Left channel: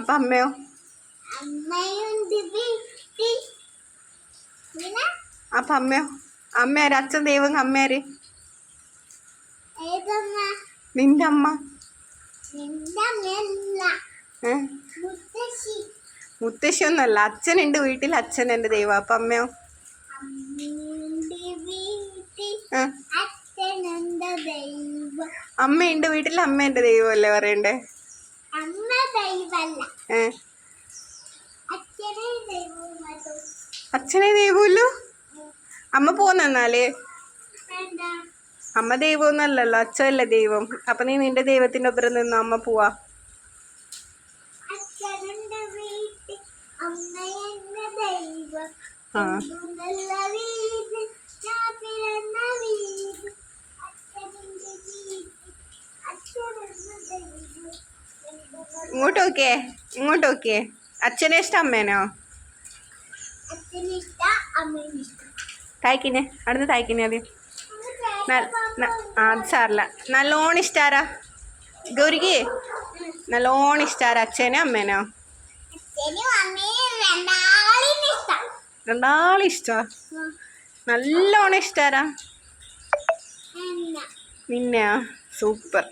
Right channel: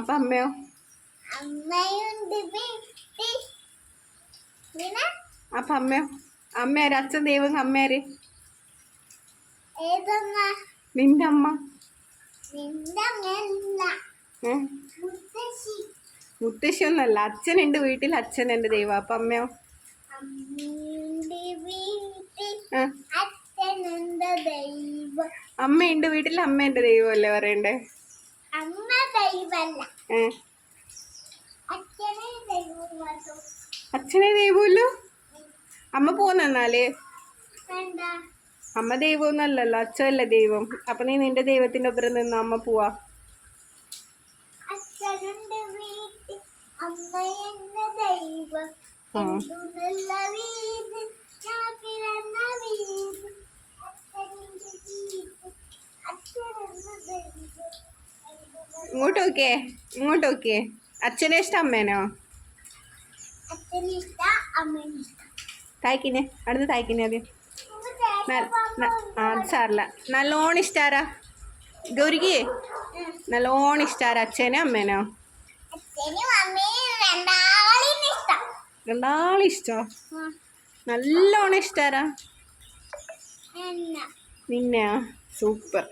അപ്പൊ അമ്മയോ? അപ്പൊ അമ്മയോ? അമ്മയാര്? അച്ഛൻ ദൈവം, അമ്മയാര്? നിന്റെ അമ്മ? മുത്തശ്ശി ഒന്നല്ല, അച്ഛനുണ്ട് വീട്ടിൽ, അച്ഛൻ എന്റെ ദൈവം. അപ്പൊ അമ്മയോ? അമ്മയുണ്ട് വീട്ടിൽ, അമ്മ എന്റെ ദൈവം അല്ലേ പറയണ്ടേ? അച്ഛനെ ദൈവമല്ലോ. അമ്മ പോന്നാല് അമ്മ ദൈവമൊന്നല്ലല്ലോ, അച്ഛനല്ലേ ദൈവം. അപ്പൊ നീ നിന്റെ ദൈവത്തിന്റെ ഒപ്പം നിന്ന് അമ്മ പോവാ. ആ ഇങ്ങോട്ട് നോക്കിയേ, ഇങ്ങോട്ട് നോക്കിയേ. അച്ഛനെ ഇഷ്ടം അമ്മേനോ? തായ്ക്കിനെ അവിടുന്ന് തായ്ക്കിനെ ആദ്യം. അത് സാറില്ല. നല്ലോണം ഇഷ്ടാരാ ഗൗരിക്ക്? നല്ലോണം ഇഷ്ടാരാ? അച്ഛനോ അമ്മേനോ? രണ്ടാളും ഇഷ്ടാ. നല്ലോണം ഇഷ്ടാരാ? നിന്നെയാ? സൂപ്പർ.